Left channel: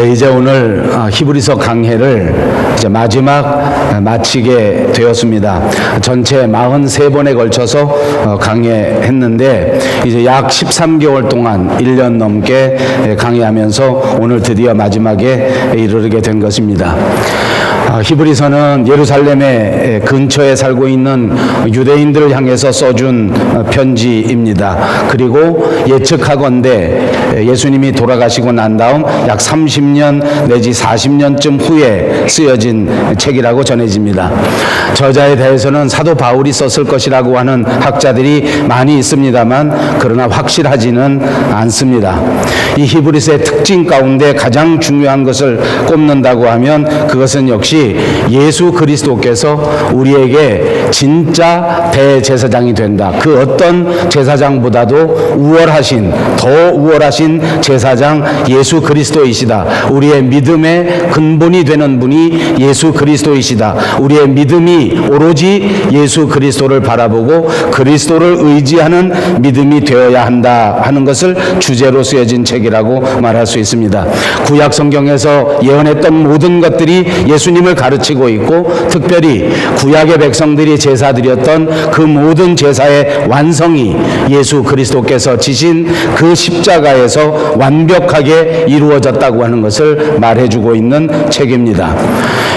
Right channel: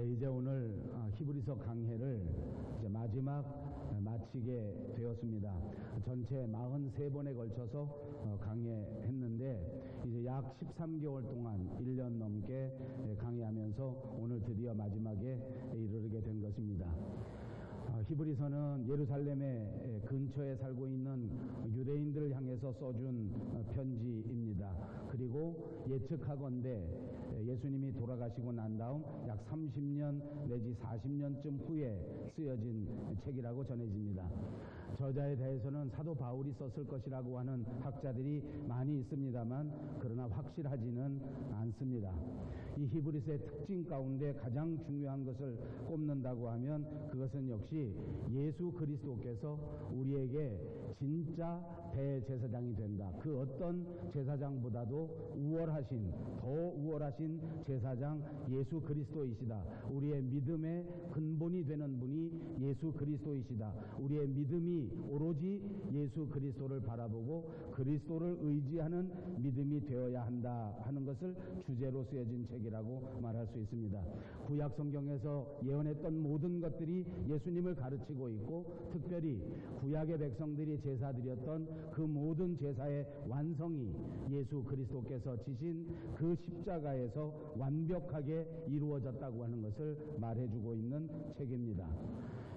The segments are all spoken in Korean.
이제 오늘 히브리서 강해를 이제 마지막 마치게 되었습니다. 전체 43번에 걸쳐서 강해했는데 이제 약 13개월 동안 1년 넘게 강해하면서 오늘 드디어 마지막에 이르게 된 것입니다. 히브리서는 예루살렘의 근처에 살고 있는 유대인들을 향해서 써준 편지입니다. 그리고 예측하건대 예수님이 돌아가시고 난 다음 약 30년 내지 40년쯤 후에 쓰여진 책이라고 전해집니다. 저자에 대해서는 사도 바울이 썼을 것이라고 하는 학자들이 많이 있습니다만 그러나 확실하지는 않습니다. 이 히브리서의 특징 가운데 가장 중요한 것을 꼽는다고 하면 그것은 역시 예수 그리스도께서 우리에게 진짜 대제사장이 된다. 그 어떤 제사장보다도 더 우월하신 제사장 예수 그리스도이시다. 우리의 믿음의 근본이 되는 분이 예수 그리스도이시다. 우리의 믿음이 오로지 예수 그리스도를 바라보고 그리스도를 의지하는 믿음이 되어야 한다 하는 것을 주제로 쓰여진 책이라고 말할 수 있습니다. 구약 성경에서 예언했던 모든 것들이 예수님을 가르치고 있고 특별히 구약의 백성들이 제사드렸던 그 모든 제사의 완성이 예수 그리스도께서 지신 그 십자가에서 완벽하게 이루어졌다고 하는 것을 말해주고 있는 책입니다.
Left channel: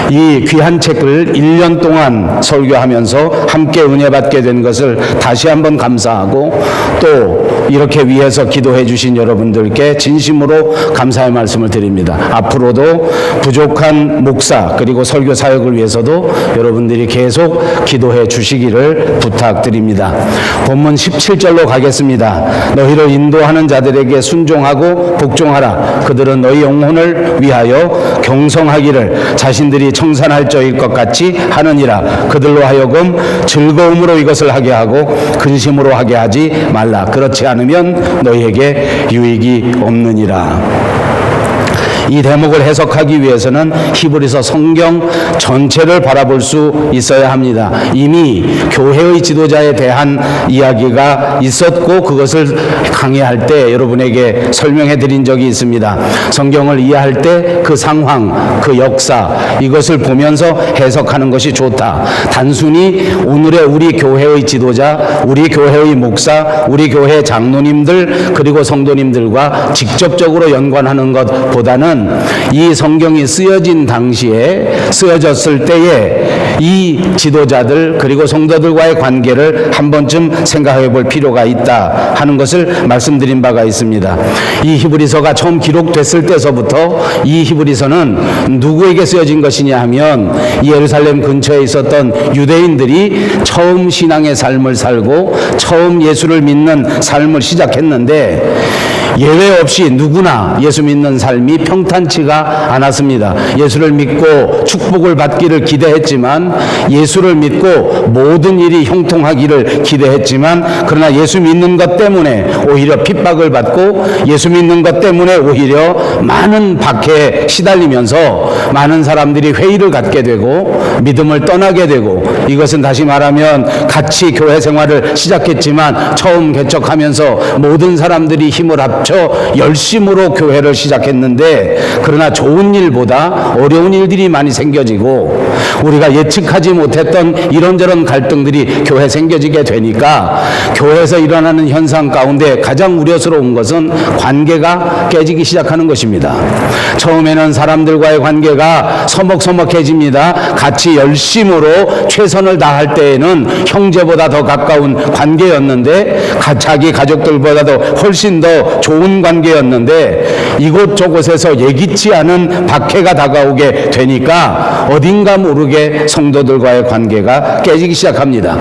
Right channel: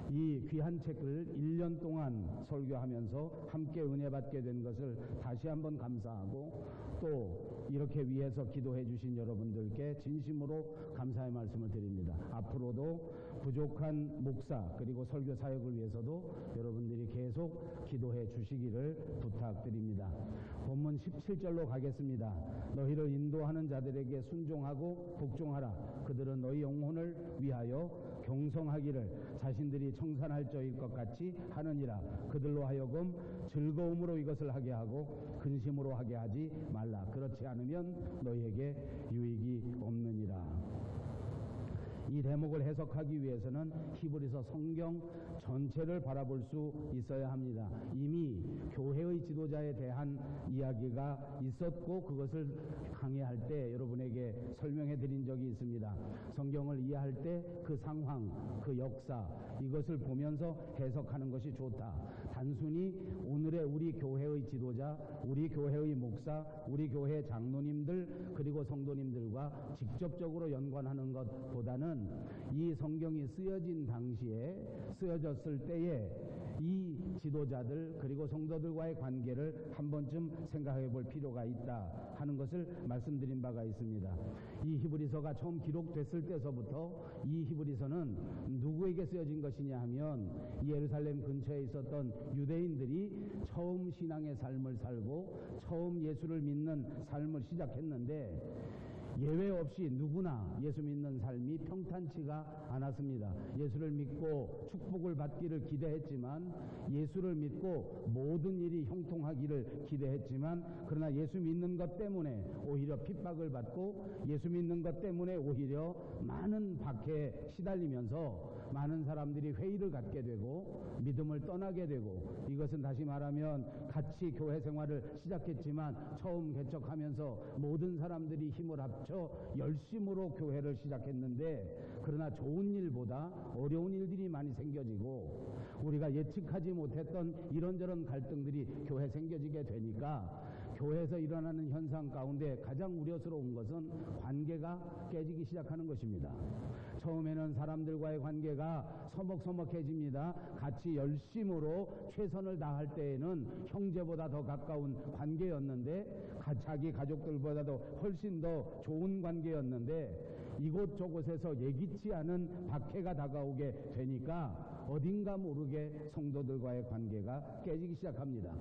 이 귀한 책을 1년 동안 설교하면서 함께 은혜 받게 된 것을 다시 한번 감사하고 또 이렇게 위해서 기도해 주신 여러분들께 진심으로 감사의 말씀을 드립니다. 앞으로도 부족한 목사 그리고 설교 사역을 위해서도 여러분들이 계속 기도해 주시기를 부탁드립니다. 본문 17절로 가겠습니다. 너희를 인도하는 자들에게 순종하고 복종하라. 그들은 너희 영혼을 위하여 경성하기를 자신들이 청산할 자일 것 같이 하느니라. 그들로 하여금 즐거움으로 이것을 하게 하고 근심으로 하게 하지 말라. 그렇지 않으면 너희에게 유익이 없느니라. 이 대목을 해석하기 위해서는 히브리서 성경 전체를 바라볼 수 있어야 합니다. 이미 교회의 지도자에 대한 이야기가 있었고 그것을 강의할 때 여러분에게 설명해 드린 적이 있습니다. 성경을 이해할 때 그 상황, 그 역사 이것을 보면서 해석하는 것이 좋다. 단순히 오늘의 우리 교회의 지도자, 우리 교회의 목사, 우리 교회 장로님들 그리고 성도님들과 직접적으로 연관하는 것보다는 이 성경이 쓰여진 당시에 쓰여졌을 때에 이 지도자들 그리고 성도들과의 관계를 한 번쯤 생각해 볼 필요가 있다 하는 것을 말씀드린 바가 있습니다. 이 히브리서가 처음 기록됐을 때서부터 이 히브리서는 누구에게 쓰여진 것이냐 하면 예루살렘 근처에 있었던 유대인들이 처음 신앙의 삶을 살고 처음 예수를 믿는 삶을 시작했는데 예외 없이 누구나 예수 믿는 삶이 평탄치가 않았습니다. 예수를 믿고 축복을 받기를 기대했지만 예수를 믿고 모든 일이 형통하기를 기대했지만 그러나 예수 믿는 것 때문에 오히려 핍박을 받고 예수 믿는 것 때문에 오히려 많은 박해에 시달리면서 많은 사람들이 회의를 갖게 되고 믿음을 떠나게 되고 이것은 다시 말하면 같이 교회 생활을 시작했지만 처음 개척하면서 모든 사람들이 힘을 합쳐 열심으로 교회를 시작했는데 그러나 좋은 일보다 어려운 일들이 많이 생겨지고 우리가 예측하지 못했던 이런저런 갈등들이 교회에 생겨지게 되니까 교회에서 일어나는 현상 가운데 가장 우려스러운 것은 관계가 깨지기 시작하는 것입니다. 처음에는 사람들과의 관계가 서먹서먹해집니다. 같이 열심으로 최선을 다할 때에는 형제보다 더 가까운 관계였는데 자기 가족들보다도 훨씬 더 좋은 관계였는데 이곳저곳에서 예기치 않은 박해가 다가오게 되니까 어딘가 모르게 성도들과의 관계가 깨지기 시작합니다.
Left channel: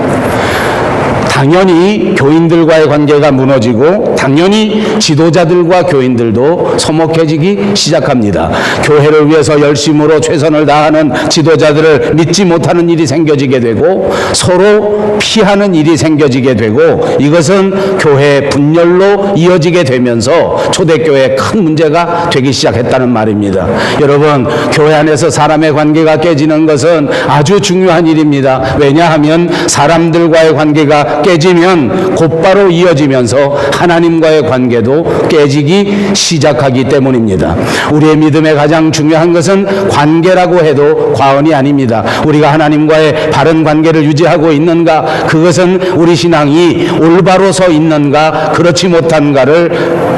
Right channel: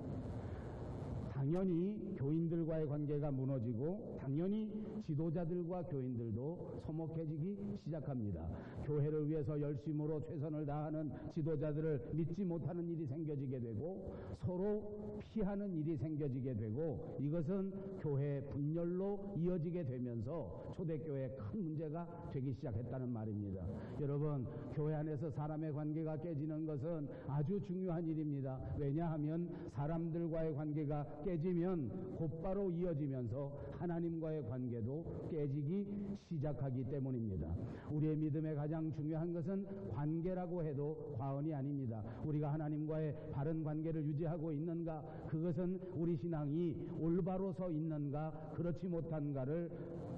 당연히 교인들과의 관계가 무너지고 당연히 지도자들과 교인들도 서먹해지기 시작합니다. 교회를 위해서 열심으로 최선을 다하는 지도자들을 믿지 못하는 일이 생겨지게 되고 서로 피하는 일이 생겨지게 되고 이것은 교회의 분열로 이어지게 되면서 초대교회에 큰 문제가 되기 시작했다는 말입니다. 여러분, 교회 안에서 사람의 관계가 깨지는 것은 아주 중요한 일입니다. 왜냐하면 사람들과의 관계가 깨지는 깨지면 곧바로 이어지면서 하나님과의 관계도 깨지기 시작하기 때문입니다. 우리의 믿음의 가장 중요한 것은 관계라고 해도 과언이 아닙니다. 우리가 하나님과의 바른 관계를 유지하고 있는가, 그것은 우리 신앙이 올바로 서 있는가 그렇지 못한가를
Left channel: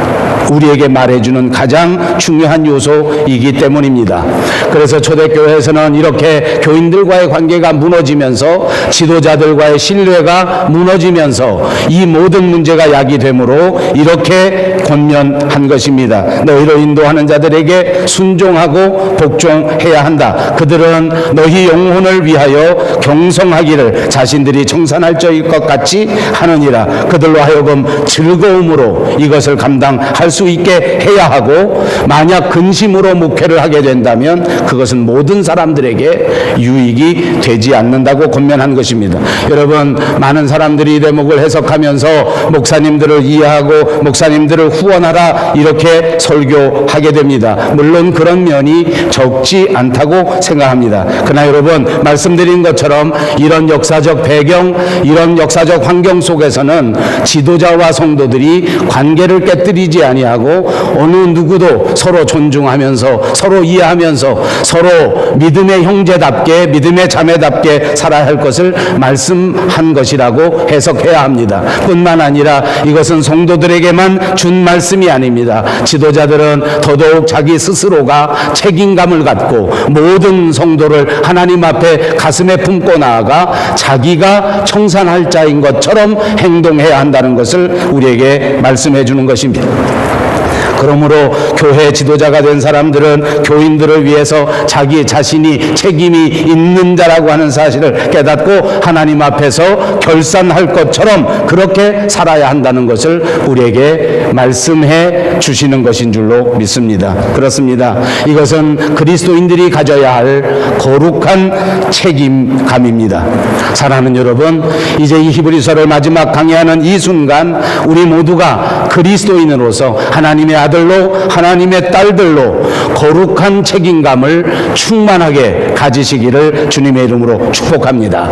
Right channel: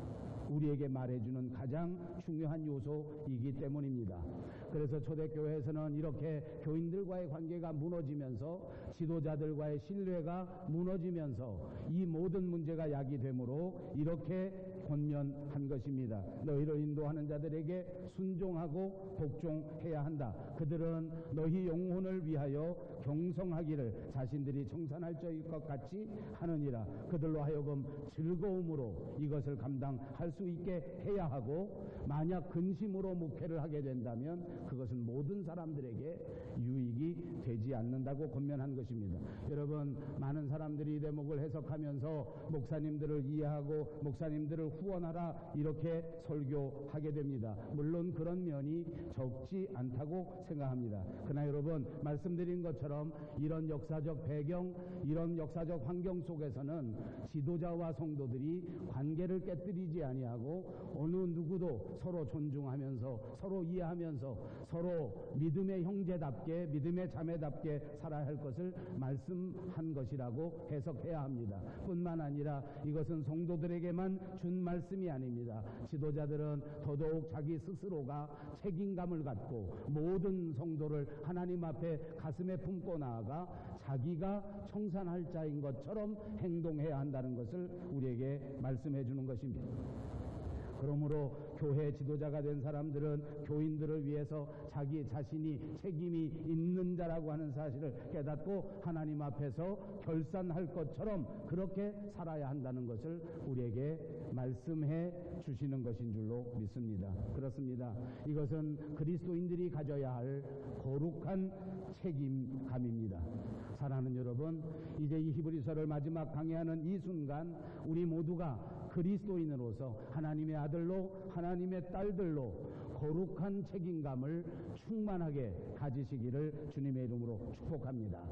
우리에게 말해주는 가장 중요한 요소이기 때문입니다. 그래서 초대교회에서는 이렇게 교인들과의 관계가 무너지면서 지도자들과의 신뢰가 무너지면서 이 모든 문제가 야기되므로 이렇게 권면한 것입니다. 너희를 인도하는 자들에게 순종하고 복종해야 한다. 그들은 너희 영혼을 위하여 경성하기를 자신들이 청산할 자일 것 같이 하느니라. 그들로 하여금 즐거움으로 이것을 감당할 수 있게 해야 하고, 만약 근심으로 목회를 하게 된다면 그것은 모든 사람들에게 유익이 되지 않는다고 권면한 것입니다. 여러분, 많은 사람들이 이 대목을 해석하면서 목사님들을 이해하고 목사님들을 후원하라 이렇게 설교하게 됩니다. 물론 그런 면이 적지 않다고 생각합니다. 그러나 여러분, 말씀드린 것처럼 이런 역사적 배경, 이런 역사적 환경 속에서는 지도자와 성도들이 관계를 깨뜨리지 아니하고 어느 누구도 서로 존중하면서 서로 이해하면서 서로 믿음의 형제답게 믿음의 자매답게 살아야 할 것을 말씀한 것이라고 해석해야 합니다. 뿐만 아니라 이것은 성도들에게만 준 말씀이 아닙니다. 지도자들은 더더욱 자기 스스로가 책임감을 갖고 모든 성도를 하나님 앞에 가슴에 품고 나아가 자기가 청산할 자인 것처럼 행동해야 한다는 것을 우리에게 말씀해 주는 것입니다. 그러므로 교회 지도자가 된 사람들은 교인들을 위해서 자기 자신이 책임이 있는 자라고 하는 사실을 깨닫고 하나님 앞에서 결산할 것처럼 그렇게 살아야 한다는 것을 우리에게 말씀해 주시는 것인 줄로 믿습니다. 그렇습니다. 이것은 그리스도인들이 가져야 할 거룩한 책임감입니다. 사랑하는 여러분, 이제 이 히브리서를 마지막 강의하는 이 순간 우리 모두가 그리스도인으로서 하나님의 아들로 하나님의 딸들로 거룩한 책임감을 충만하게 가지시기를 주님의 이름으로 축복합니다.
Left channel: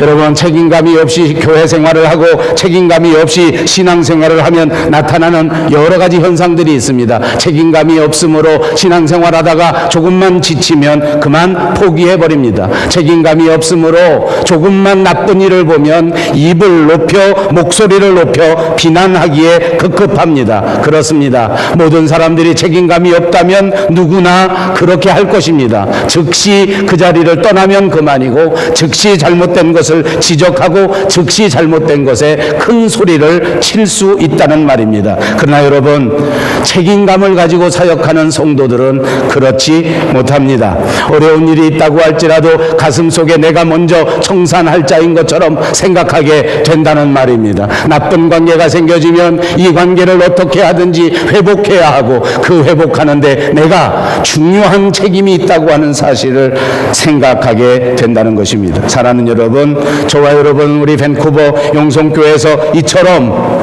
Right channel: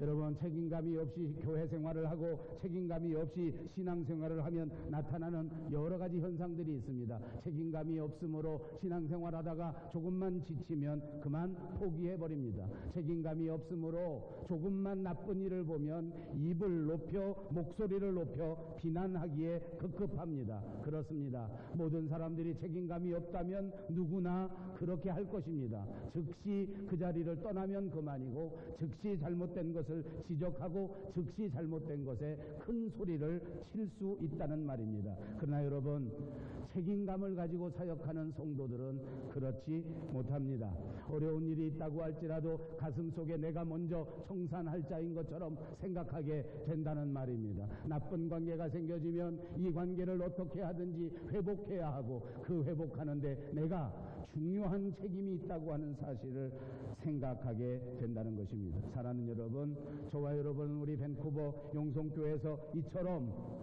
여러분, 책임감이 없이 교회 생활을 하고 책임감이 없이 신앙 생활을 하면 나타나는 여러 가지 현상들이 있습니다. 책임감이 없으므로 신앙 생활하다가 조금만 지치면 그만 포기해버립니다. 책임감이 없으므로 조금만 나쁜 일을 보면 입을 높여 목소리를 높여 비난하기에 급급합니다. 그렇습니다. 모든 사람들이 책임감이 없다면 누구나 그렇게 할 것입니다. 즉시 그 자리를 떠나면 그만이고, 즉시 잘못된 것을 지적하고 즉시 잘못된 것에 큰 소리를 칠 수 있다는 말입니다. 그러나 여러분, 책임감을 가지고 사역하는 성도들은 그렇지 못합니다. 어려운 일이 있다고 할지라도 가슴속에 내가 먼저 청산할 자인 것처럼 생각하게 된다는 말입니다. 나쁜 관계가 생겨지면 이 관계를 어떻게 하든지 회복해야 하고, 그 회복하는데 내가 중요한 책임이 있다고 하는 사실을 생각하게 된다는 것입니다. 사랑하는 여러분, 저와 여러분, 우리 밴쿠버 영성교회에서 이처럼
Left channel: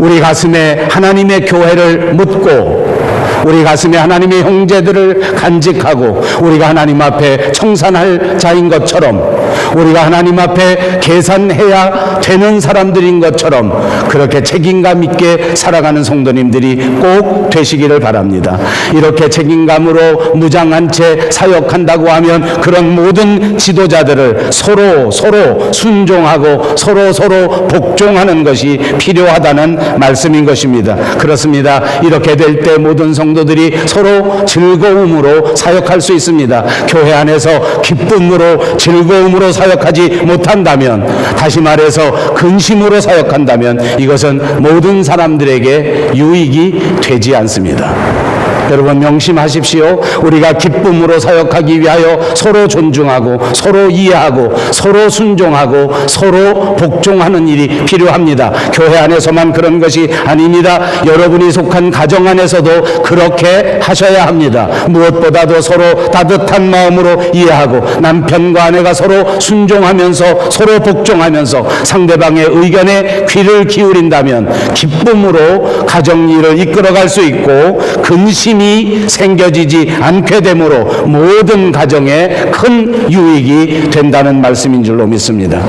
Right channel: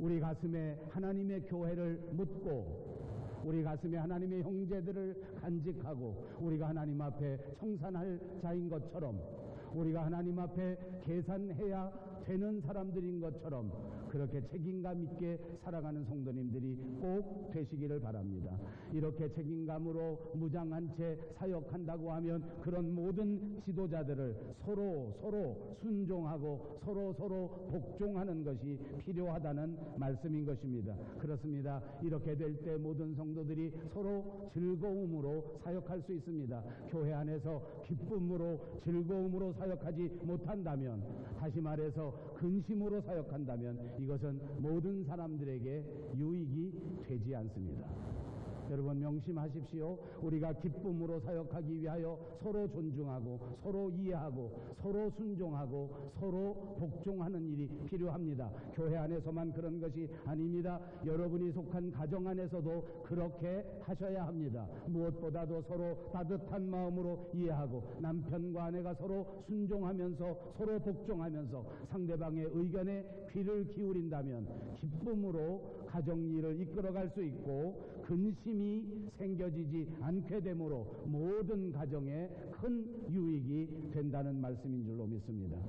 우리 가슴에 하나님의 교회를 묻고 우리 가슴에 하나님의 형제들을 간직하고 우리가 하나님 앞에 청산할 자인 것처럼, 우리가 하나님 앞에 계산해야 되는 사람들인 것처럼 그렇게 책임감 있게 살아가는 성도님들이 꼭 되시기를 바랍니다. 이렇게 책임감으로 무장한 채 사역한다고 하면 그런 모든 지도자들을 서로 순종하고 서로 복종하는 것이 필요하다는 말씀인 것입니다. 그렇습니다. 이렇게 될 때 모든 성도들이 서로 즐거움으로 사역할 수 있습니다. 교회 안에서 기쁨으로 즐거움으로 사역하지 못한다면, 다시 말해서 근심으로 사역한다면 이것은 모든 사람들에게 유익이 되지 않습니다. 여러분, 명심하십시오. 우리가 기쁨으로 사역하기 위하여 서로 존중하고 서로 이해하고 서로 순종하고 서로 복종하는 일이 필요합니다. 교회 안에서만 그런 것이 아닙니다. 여러분이 속한 가정 안에서도 그렇게 하셔야 합니다. 무엇보다도 서로 따뜻한 마음으로 이해하고 남편과 아내가 서로 순종하면서 서로 복종하면서 상대방의 의견에 귀를 기울인다면 기쁨으로 가정 일을 이끌어갈 수 있고, 근심이 생겨지지 않게 되므로 모든 가정에 큰 유익이 된다는 말씀인 줄로 믿습니다.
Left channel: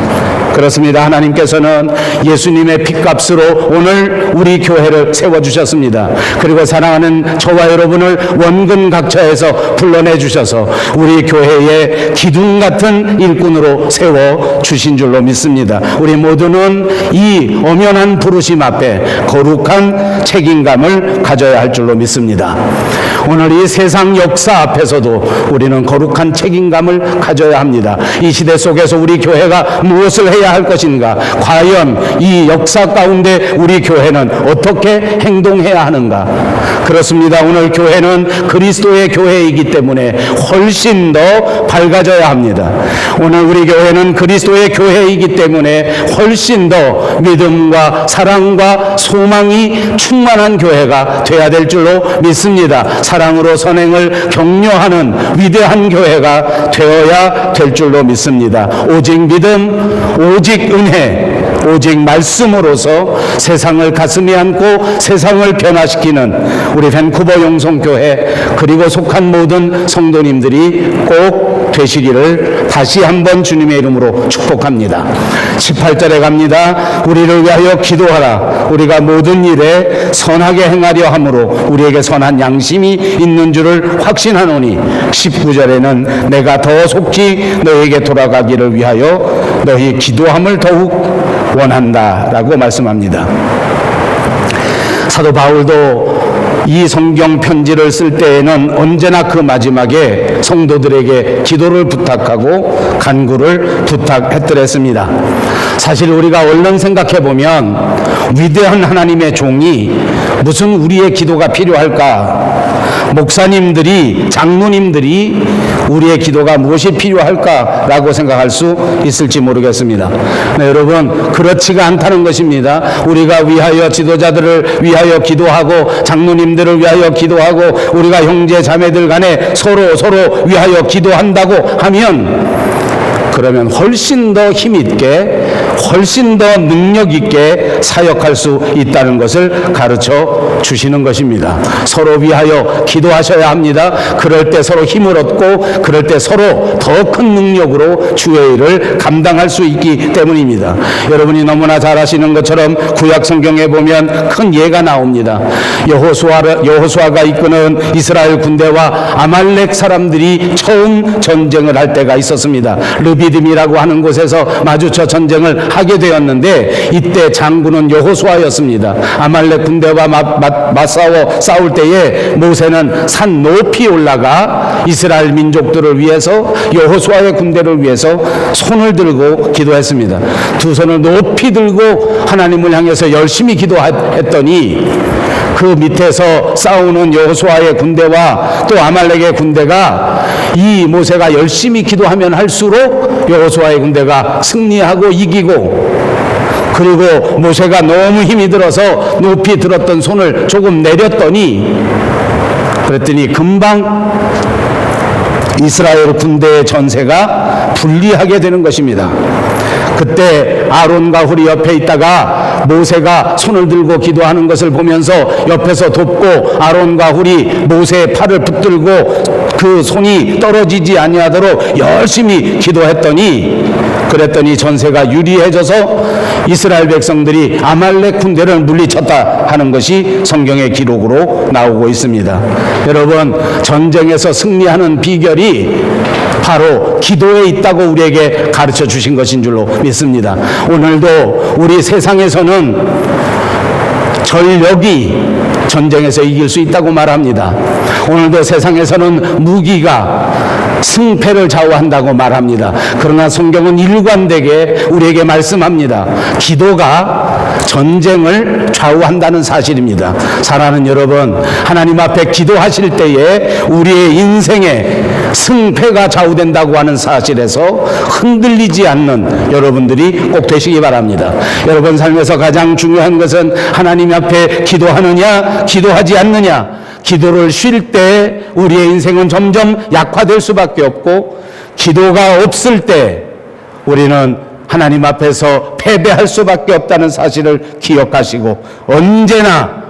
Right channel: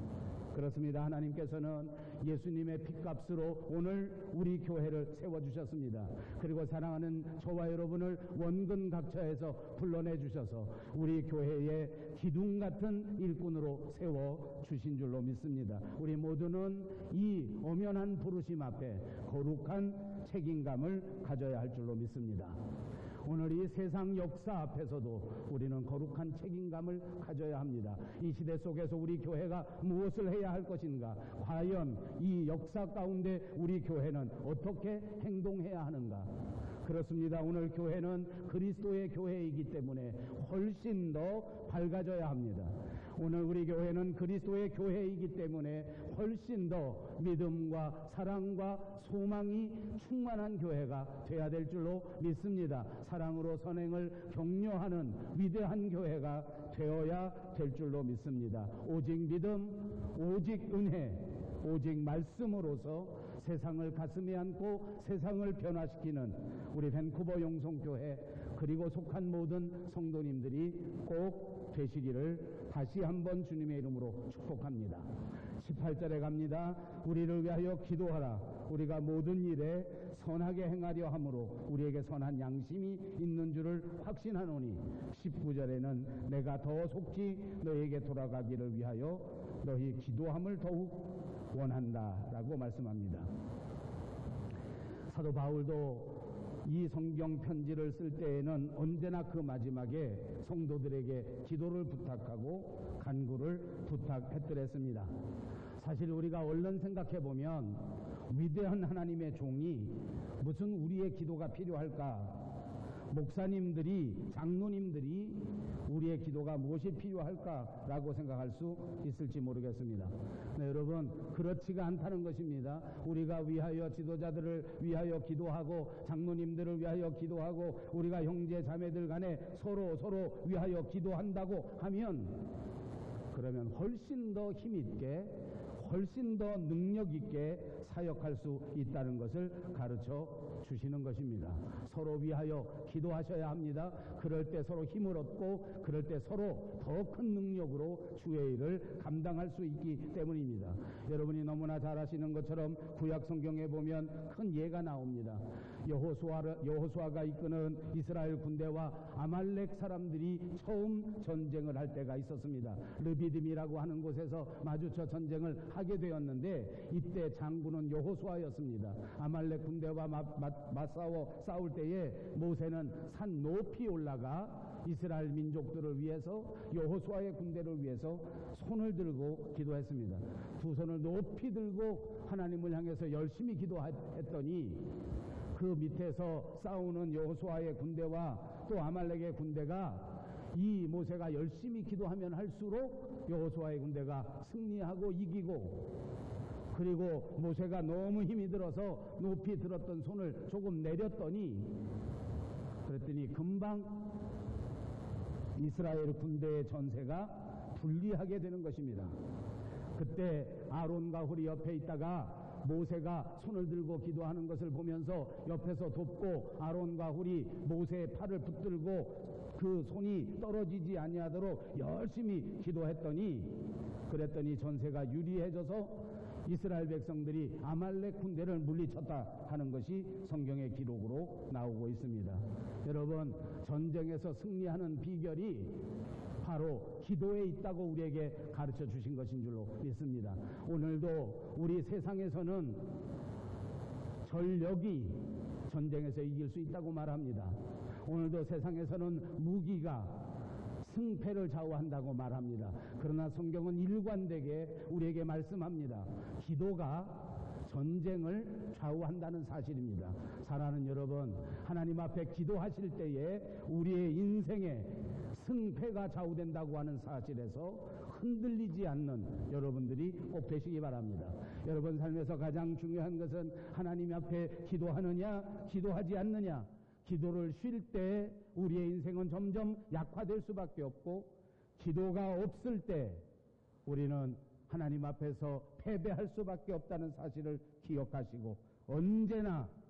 그렇습니다. 하나님께서는 예수님의 핏값으로 오늘 우리 교회를 세워주셨습니다. 그리고 사랑하는 저와 여러분을 원근각처에서 불러내주셔서 우리 교회의 기둥 같은 일꾼으로 세워주신 줄로 믿습니다. 우리 모두는 이 엄연한 부르심 앞에 거룩한 책임감을 가져야 할 줄로 믿습니다. 오늘 이 세상 역사 앞에서도 우리는 거룩한 책임감을 가져야 합니다. 이 시대 속에서 우리 교회가 무엇을 해야 할 것인가? 과연 이 역사 가운데 우리 교회는 어떻게 행동해야 하는가? 그렇습니다. 오늘 교회는 그리스도의 교회이기 때문에 훨씬 더 밝아져야 합니다. 오늘 우리 교회는 그리스도의 교회이기 때문에 훨씬 더 믿음과 사랑과 소망이 충만한 교회가 되어야 될 줄로 믿습니다. 사랑으로 선행을 격려하는 위대한 교회가 되어야 될 줄로 믿습니다. 오직 믿음, 오직 은혜, 오직 말씀으로서 세상을 가슴에 안고 세상을 변화시키는 우리 밴쿠버 용성교회 그리고 속한 모든 성도님들이 꼭 되시기를 다시 한번 주님의 이름으로 축복합니다. 18절에 갑니다. 우리를 위하여 기도하라. 우리가 모든 일에 선하게 행하려 함으로 우리에게 선한 양심이 있는 줄을 확신하노니 19절에는 내가 더 속히 너에게 돌아가기를 위하여 너희 기도함을 더욱 원한다 라고 말씀합니다. 사도 바울도 이 성경 편지를 쓸 때에는 언제나 그 마지막에 성도들에게 기도를 부탁하고 간구를 부탁했더랬습니다. 사실 우리가 얼른 생각해 보면 위대한 하나님의 종이 무슨 우리의 기도가 필요할까? 목사님들이, 장로님들이 우리의 기도가 무엇이 필요할까라고 생각할 수 있을지 모르겠습니다. 네, 여러분, 그렇지가 않다는 것입니다. 우리가 위하여 지도자들을 위하여 기도하고 장로님들을 위하여 기도하고 우리가 형제 자매들 간에 서로 위하여 기도한다고 하면 그러면 훨씬 더 힘있게 훨씬 더 능력 있게 사역할 수 있다는 것을 가르쳐 주시는 것입니다. 서로 위하여 기도하셔야 합니다. 그럴 때 서로 힘을 얻고 그럴 때 서로 더 큰 능력으로 주의 일을 감당할 수 있기 때문입니다. 여러분이 너무나 잘 아시는 것처럼 구약 성경에 보면 큰 예가 나옵니다. 여호수아가 이끄는 이스라엘 군대와 아말렉 사람들이 처음 전쟁을 할 때가 있었습니다. 르비딤이라고 하는 곳에서 마주쳐 전쟁을 하게 되었는데 이때 장군은 여호수아였습니다. 아말렉 군대와 맞싸워 싸울 때에 모세는 산 높이 올라가 이스라엘 민족들을 위해서 여호수아의 군대를 위해서 손을 들고 기도했습니다. 두 손을 높이 들고 하나님을 향해서 열심히 기도했더니 그 밑에서 싸우는 여호수아의 군대와 또 아말렉의 군대가 이 모세가 열심히 기도하면 할수록 여호수아의 군대가 승리하고 이기고 그리고 모세가 너무 힘이 들어서 높이 들었던 손을 조금 내렸더니 그랬더니 금방 이스라엘 군대의 전세가 불리하게 되는 것입니다. 그때 아론과 훌이 옆에 있다가 모세가 손을 들고 기도하는 것을 보면서 옆에서 돕고 아론과 훌이 모세의 팔을 붙들고 그 손이 떨어지지 아니하도록 열심히 그랬더니 전세가 유리해져서 이스라엘 백성들이 아말렉 군대를 물리쳤다 하는 것이 성경의 기록으로 나오고 있습니다. 여러분, 전쟁에서 승리하는 비결이 바로 기도에 있다고 우리에게 가르쳐 주신 것인 줄로 믿습니다. 오늘도 우리 세상에서는 전력이 전쟁에서 이길 수 있다고 말합니다. 오늘도 세상에서는 무기가 승패를 좌우한다고 말합니다. 그러나 성경은 일관되게 우리에게 말씀합니다. 기도가 전쟁을 좌우한다는 사실입니다. 사랑하는 여러분, 하나님 앞에 기도하실 때에 우리의 인생에 승패가 좌우된다고 하는 사실에서 흔들리지 않는 여러분들이 꼭 되시기 바랍니다. 여러분 삶에서 가장 중요한 것은 하나님 앞에 기도하느냐 기도하지 않느냐. 기도를 쉴 때 우리의 인생은 점점 약화될 수밖에 없고 기도가 없을 때 우리는 하나님 앞에서 패배할 수밖에 없다는 사실을 기억하시고 언제나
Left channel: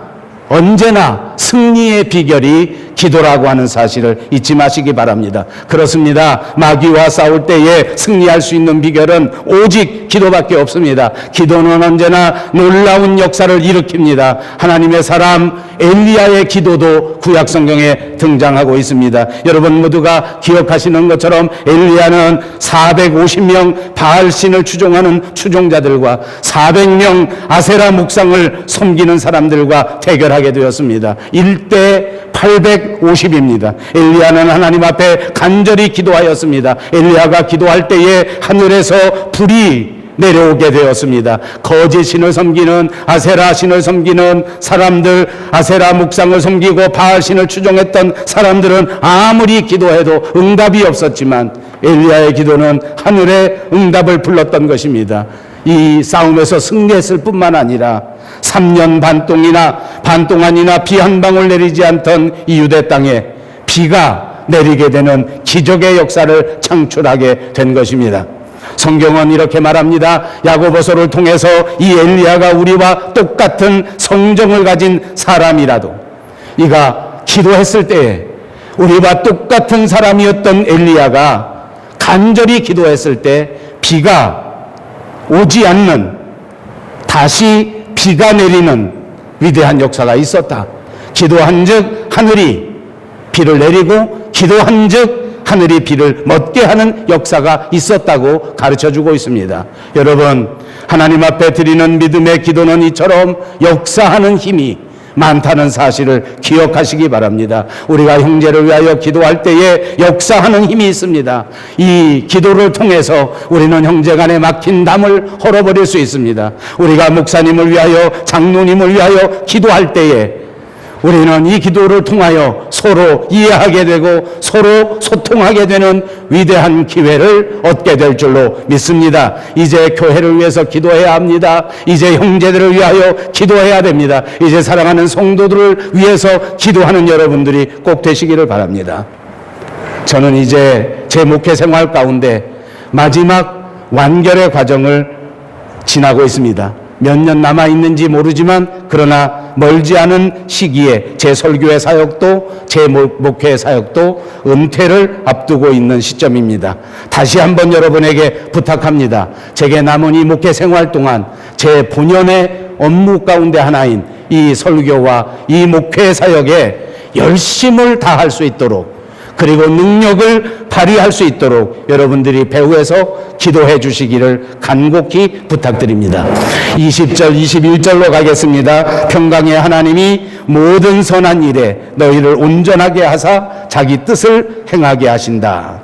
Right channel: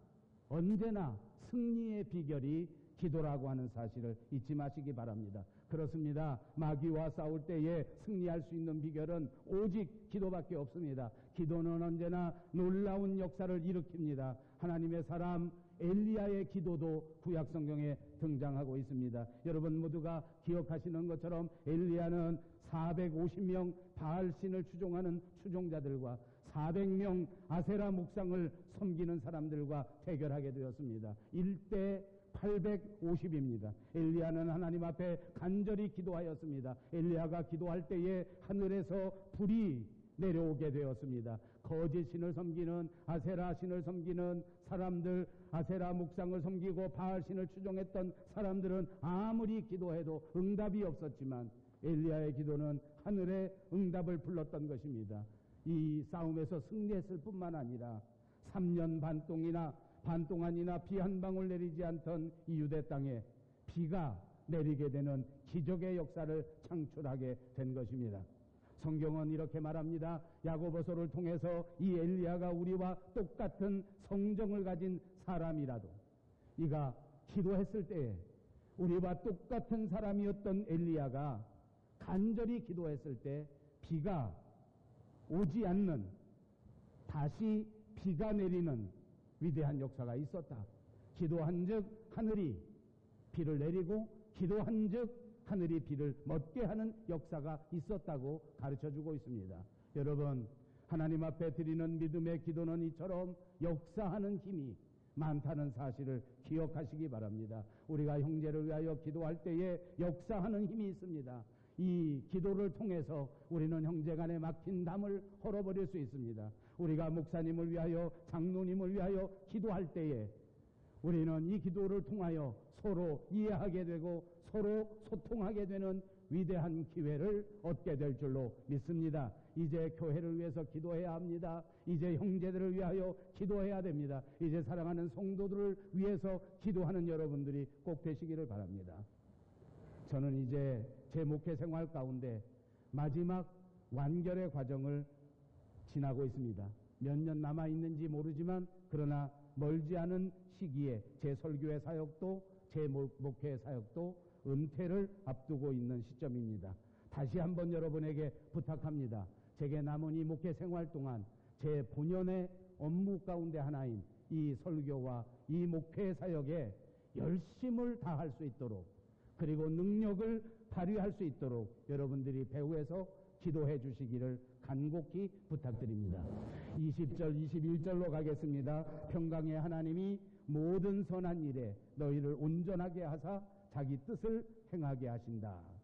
승리의 비결이 기도라고 하는 사실을 잊지 마시기 바랍니다. 그렇습니다. 마귀와 싸울 때에 승리할 수 있는 비결은 오직 기도밖에 없습니다. 기도는 언제나 놀라운 역사를 일으킵니다. 하나님의 사람 엘리야의 기도도 구약 성경에 등장하고 있습니다. 여러분 모두가 기억하시는 것처럼 엘리야는 450명 바알 신을 추종하는 추종자들과 400명 아세라 묵상을 섬기는 사람들과 대결하게 되었습니다. 1대 850입니다. 엘리야는 하나님 앞에 간절히 기도하였습니다. 엘리야가 기도할 때에 하늘에서 불이 내려오게 되었습니다. 거짓 신을 섬기는 아세라 신을 섬기는 사람들, 아세라 묵상을 섬기고 바알 신을 추종했던 사람들은 아무리 기도해도 응답이 없었지만 엘리야의 기도는 하늘의 응답을 불렀던 것입니다. 이 싸움에서 승리했을 뿐만 아니라 3년 반 동안이나 비 한 방울 내리지 않던 이 유대 땅에 비가 내리게 되는 기적의 역사를 창출하게 된 것입니다. 성경은 이렇게 말합니다. 야고보서를 통해서 이 엘리야가 우리와 똑같은 성정을 가진 사람이라도 이가 기도했을 때에 우리와 똑같은 사람이었던 엘리야가 간절히 기도했을 때 비가 오지 않는, 다시 비가 내리는 위대한 역사가 있었다. 기도한즉 하늘이 비를 내리고 기도한즉 하늘이 비를 멎게 하는 역사가 있었다고 가르쳐주고 있습니다. 여러분, 하나님 앞에 드리는 믿음의 기도는 이처럼 역사하는 힘이 많다는 사실을 기억하시기 바랍니다. 우리가 형제를 위하여 기도할 때에 역사하는 힘이 있습니다. 이 기도를 통해서 우리는 형제 간에 막힌 담을 헐어버릴 수 있습니다. 우리가 목사님을 위하여, 장로님을 위하여 기도할 때에 우리는 이 기도를 통하여 서로 이해하게 되고 서로 소통하게 되는 위대한 기회를 얻게 될 줄로 믿습니다. 이제 교회를 위해서 기도해야 합니다. 이제 형제들을 위하여 기도해야 됩니다. 이제 사랑하는 성도들을 위해서 기도하는 여러분들이 꼭 되시기를 바랍니다. 저는 이제 제 목회 생활 가운데 마지막 완결의 과정을 지나고 있습니다. 몇 년 남아있는지 모르지만 그러나 멀지 않은 시기에 제 설교의 사역도 제 목회의 사역도 은퇴를 앞두고 있는 시점입니다. 다시 한번 여러분에게 부탁합니다. 제게 남은 이 목회 생활 동안 제 본연의 업무 가운데 하나인 이 설교와 이 목회 사역에 열심을 다할 수 있도록, 그리고 능력을 발휘할 수 있도록 여러분들이 배후에서 기도해 주시기를 간곡히 부탁드립니다. 20절, 21절로 가겠습니다. 평강의 하나님이 모든 선한 일에 너희를 온전하게 하사 자기 뜻을 행하게 하신다.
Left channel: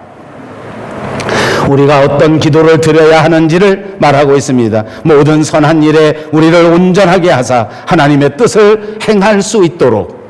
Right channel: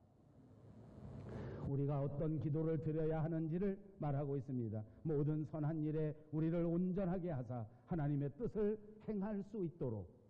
우리가 어떤 기도를 드려야 하는지를 말하고 있습니다. 모든 선한 일에 우리를 온전하게 하사 하나님의 뜻을 행할 수 있도록,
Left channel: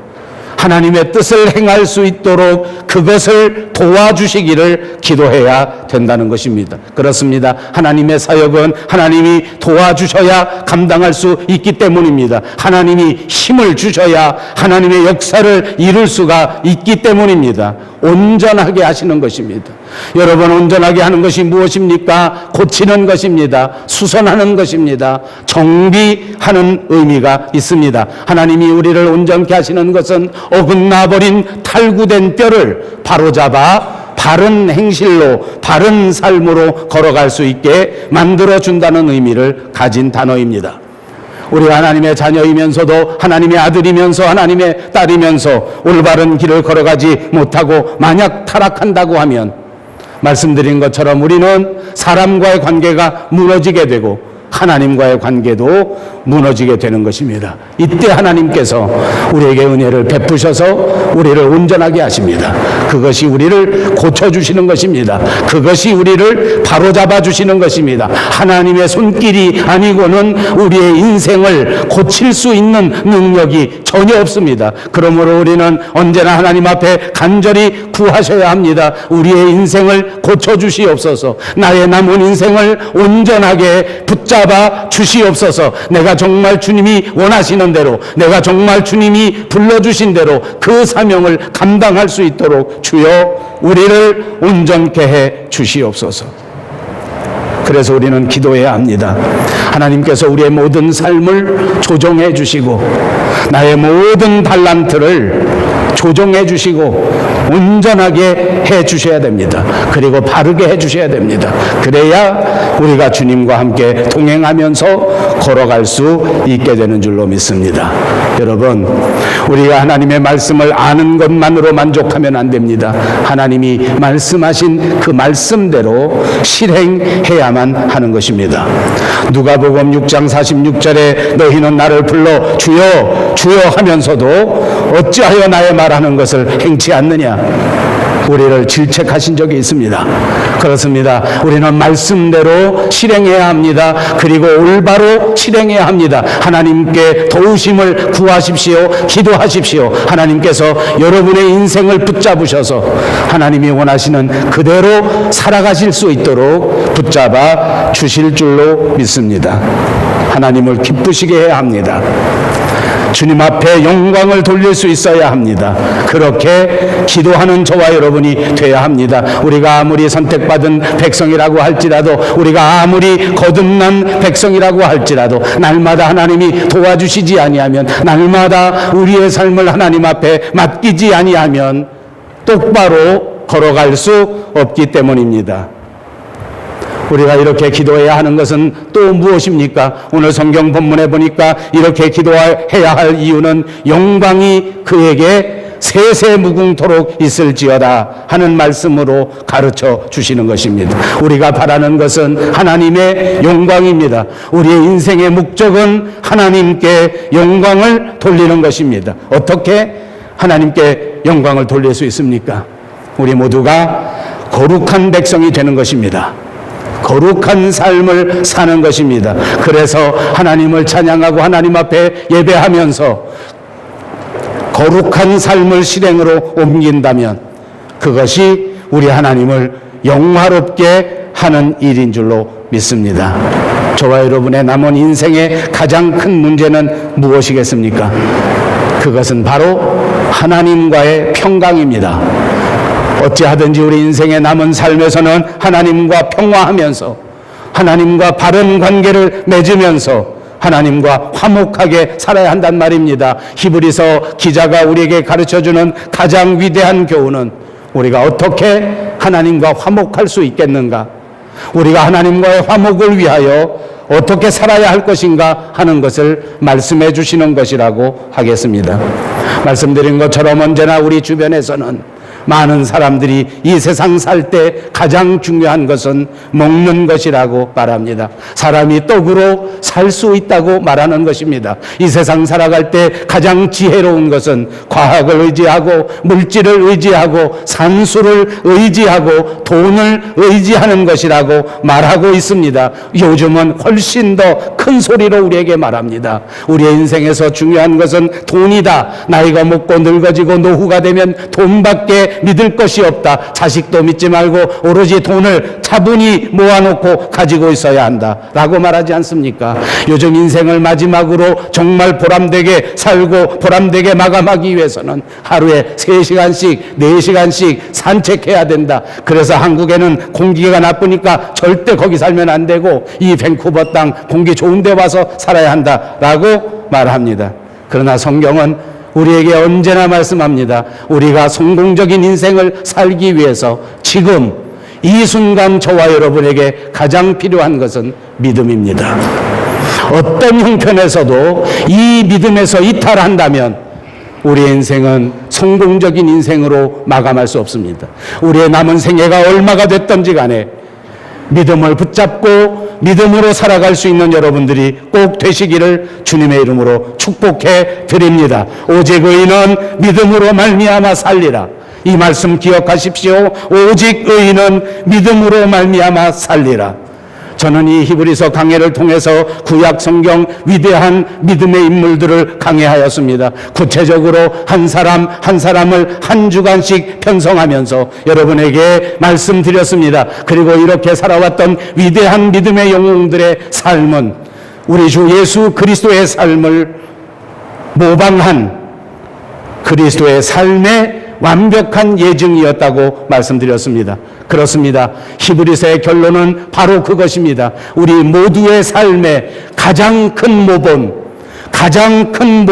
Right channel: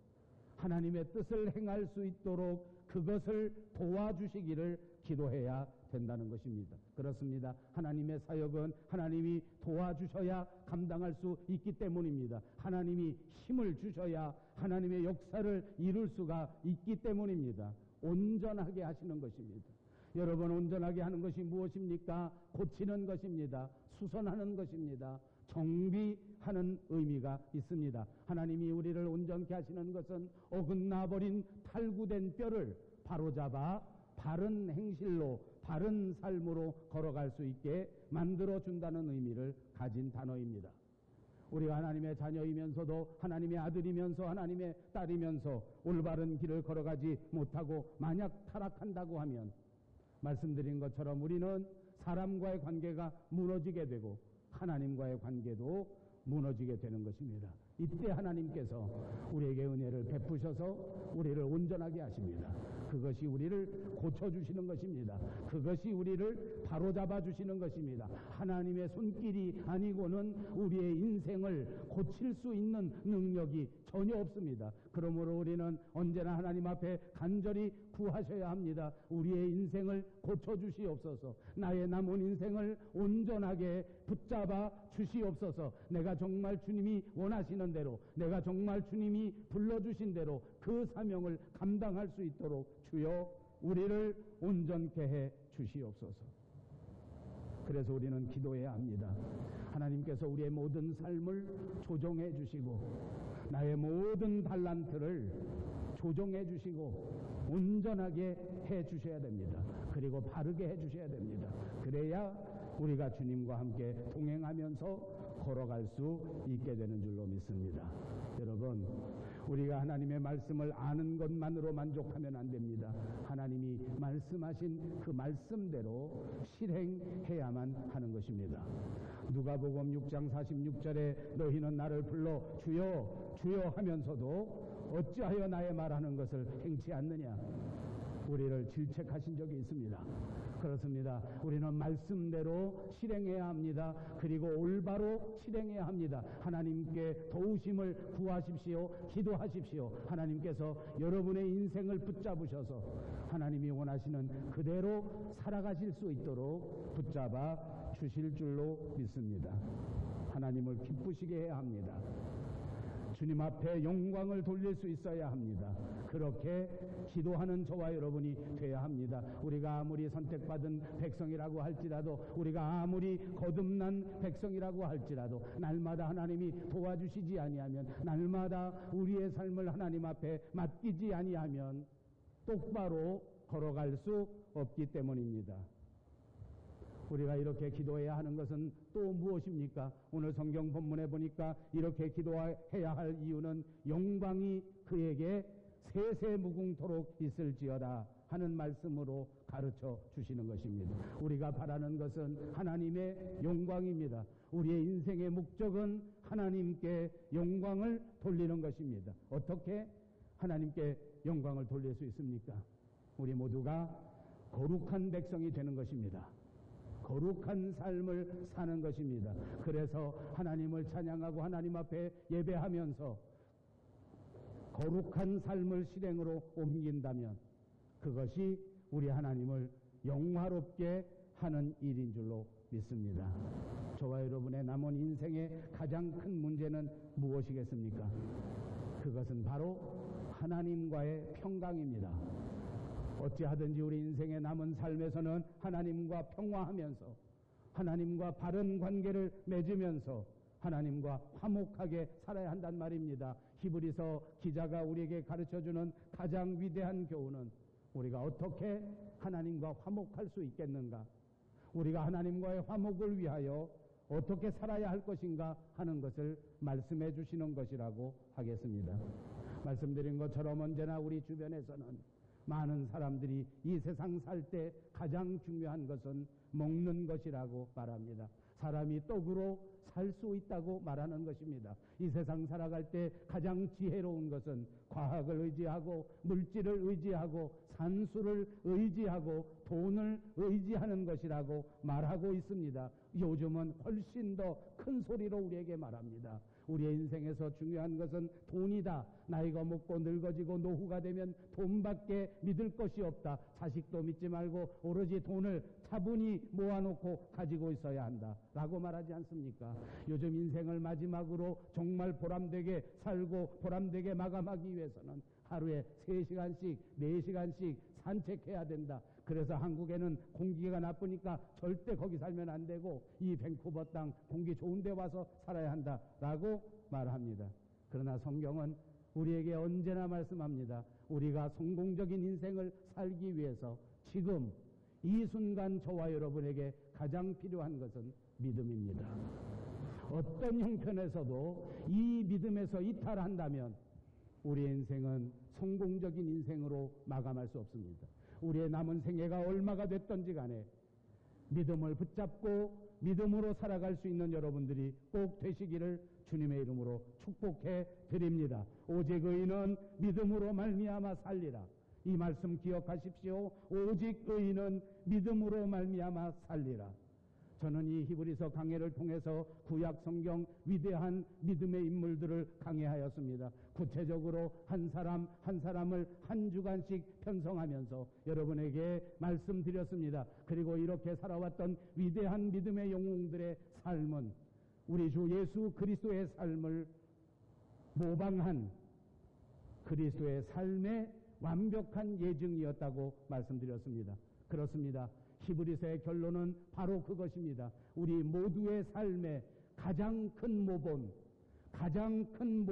하나님의 뜻을 행할 수 있도록 그것을 도와주시기를 기도해야 된다는 것입니다. 그렇습니다. 하나님의 사역은 하나님이 도와주셔야 감당할 수 있기 때문입니다. 하나님이 힘을 주셔야 하나님의 역사를 이룰 수가 있기 때문입니다. 온전하게 하시는 것입니다. 여러분, 온전하게 하는 것이 무엇입니까? 고치는 것입니다. 수선하는 것입니다. 정비하는 의미가 있습니다. 하나님이 우리를 온전케 하시는 것은 어긋나버린 탈구된 뼈를 바로잡아 바른 행실로, 바른 삶으로 걸어갈 수 있게 만들어준다는 의미를 가진 단어입니다. 우리가 하나님의 자녀이면서도 하나님의 아들이면서 하나님의 딸이면서 올바른 길을 걸어가지 못하고 만약 타락한다고 하면 말씀드린 것처럼 우리는 사람과의 관계가 무너지게 되고 하나님과의 관계도 무너지게 되는 것입니다. 이때 하나님께서 우리에게 은혜를 베푸셔서 우리를 온전하게 하십니다. 그것이 우리를 고쳐주시는 것입니다. 그것이 우리를 바로잡아 주시는 것입니다. 하나님의 손길이 아니고는 우리의 인생을 고칠 수 있는 능력이 전혀 없습니다. 그러므로 우리는 언제나 하나님 앞에 간절히 구하셔야 합니다. 우리의 인생을 고쳐주시옵소서. 나의 남은 인생을 온전하게 붙잡아 주시옵소서. 내가 정말 주님이 원하시는 대로, 내가 정말 주님이 불러주신 대로 그 사명을 감당할 수 있도록 주여 우리를 온전케 해 주시옵소서. 그래서 우리는 기도해야 합니다. 하나님께서 우리의 모든 삶을 조정해 주시고 나의 모든 달란트를 조정해 주시고 온전하게 해 주셔야 됩니다. 그리고 바르게 해 주셔야 됩니다. 그래야 우리가 주님과 함께 동행하면서 걸어갈 수 있게 되는 줄로 믿습니다. 여러분, 우리가 하나님의 말씀을 아는 것만으로 만족하면 안 됩니다. 하나님이 말씀하신 그 말씀대로 실행해야만 하는 것입니다. 누가복음 6장 46절에 너희는 나를 불러 주여 주여 하면서도 어찌하여 나의 말하는 것을 행치 않느냐, 우리를 질책하신 적이 있습니다. 그렇습니다. 우리는 말씀대로 실행해야 합니다. 그리고 올바로 실행해야 합니다. 하나님께 도우심을 구하십시오. 기도하십시오. 하나님께서 여러분의 인생을 붙잡으셔서 하나님이 원하시는 그대로 살아가실 수 있도록 붙잡아 주실 줄로 믿습니다. 하나님을 기쁘시게 해야 합니다. 주님 앞에 영광을 돌릴 수 있어야 합니다. 그렇게 기도하는 저와 여러분이 돼야 합니다. 우리가 아무리 선택받은 백성이라고 할지라도, 우리가 아무리 거듭난 백성이라고 할지라도 날마다 하나님이 도와주시지 아니하면, 날마다 우리의 삶을 하나님 앞에 맡기지 아니하면 똑바로 걸어갈 수 없기 때문입니다. 우리가 이렇게 기도해야 하는 것은 또 무엇입니까? 오늘 성경 본문에 보니까 이렇게 기도해야 할 이유는 영광이 그에게 세세무궁토록 있을지어다 하는 말씀으로 가르쳐 주시는 것입니다. 우리가 바라는 것은 하나님의 영광입니다. 우리의 인생의 목적은 하나님께 영광을 돌리는 것입니다. 어떻게 하나님께 영광을 돌릴 수 있습니까? 우리 모두가 거룩한 백성이 되는 것입니다. 거룩한 삶을 사는 것입니다. 그래서 하나님을 찬양하고 하나님 앞에 예배하면서 거룩한 삶을 실행으로 옮긴다면 그것이 우리 하나님을 영화롭게 하는 일인 줄로 믿습니다. 저와 여러분의 남은 인생의 가장 큰 문제는 무엇이겠습니까? 그것은 바로 하나님과의 평강입니다. 어찌하든지 우리 인생의 남은 삶에서는 하나님과 평화하면서, 하나님과 바른 관계를 맺으면서 하나님과 화목하게 살아야 한단 말입니다. 히브리서 기자가 우리에게 가르쳐주는 가장 위대한 교훈은 우리가 어떻게 하나님과 화목할 수 있겠는가, 우리가 하나님과의 화목을 위하여 어떻게 살아야 할 것인가 하는 것을 말씀해 주시는 것이라고 하겠습니다. 말씀드린 것처럼 언제나 우리 주변에서는 많은 사람들이 이 세상 살 때 가장 중요한 것은 먹는 것이라고 말합니다. 사람이 떡으로 살 수 있다고 말하는 것입니다. 이 세상 살아갈 때 가장 지혜로운 것은 과학을 의지하고 물질을 의지하고 산수를 의지하고 돈을 의지하는 것이라고 말하고 있습니다. 요즘은 훨씬 더 큰 소리로 우리에게 말합니다. 우리의 인생에서 중요한 것은 돈이다. 나이가 먹고 늙어지고 노후가 되면 돈밖에 믿을 것이 없다. 자식도 믿지 말고 오로지 돈을 차분히 모아놓고 가지고 있어야 한다 라고 말하지 않습니까? 요즘 인생을 마지막으로 정말 보람되게 살고 보람되게 마감하기 위해서는 하루에 3시간씩 4시간씩 산책해야 된다. 그래서 한국에는 공기가 나쁘니까 절대 거기 살면 안 되고 이 밴쿠버 땅 공기 좋은 데 와서 살아야 한다 라고 말합니다. 그러나 성경은 우리에게 언제나 말씀합니다. 우리가 성공적인 인생을 살기 위해서 지금 이 순간 저와 여러분에게 가장 필요한 것은 믿음입니다. 어떤 형편에서도 이 믿음에서 이탈한다면 우리의 인생은 성공적인 인생으로 마감할 수 없습니다. 우리의 남은 생애가 얼마가 됐든지 간에 믿음을 붙잡고 믿음으로 살아갈 수 있는 여러분들이 꼭 되시기를 주님의 이름으로 축복해 드립니다. 오직 의인은 믿음으로 말미암아 살리라. 이 말씀 기억하십시오. 오직 의인은 믿음으로 말미암아 살리라. 저는 이 히브리서 강해를 통해서 구약 성경 위대한 믿음의 인물들을 강해하였습니다. 구체적으로 한 사람 한 사람을 한 주간씩 편성하면서 여러분에게 말씀드렸습니다. 그리고 이렇게 살아왔던 위대한 믿음의 영웅들의 삶은 우리 주 예수 그리스도의 삶을 모방한 그리스도의 삶의 완벽한 예증이었다고 말씀드렸습니다. 그렇습니다. 히브리서의 결론은 바로 그것입니다. 우리 모두의 삶의 가장 큰 모범, 가장 큰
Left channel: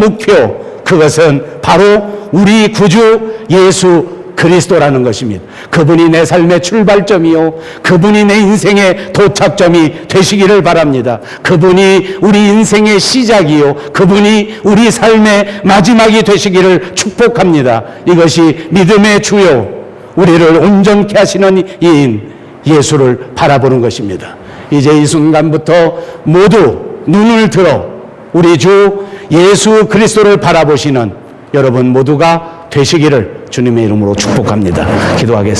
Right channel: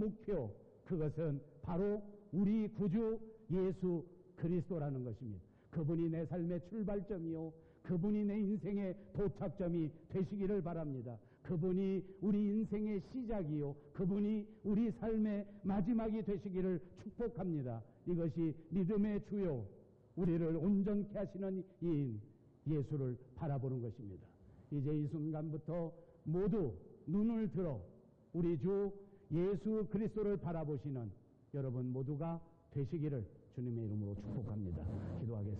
목표, 그것은 바로 우리 구주 예수 그리스도라는 것입니다. 그분이 내 삶의 출발점이요, 그분이 내 인생의 도착점이 되시기를 바랍니다. 그분이 우리 인생의 시작이요, 그분이 우리 삶의 마지막이 되시기를 축복합니다. 이것이 믿음의 주요, 우리를 온전케 하시는 이인 예수를 바라보는 것입니다. 이제 이 순간부터 모두 눈을 들어 우리 주 예수 그리스도를 바라보시는 여러분 모두가 되시기를 주님의 이름으로 축복합니다. 기도하겠습니다.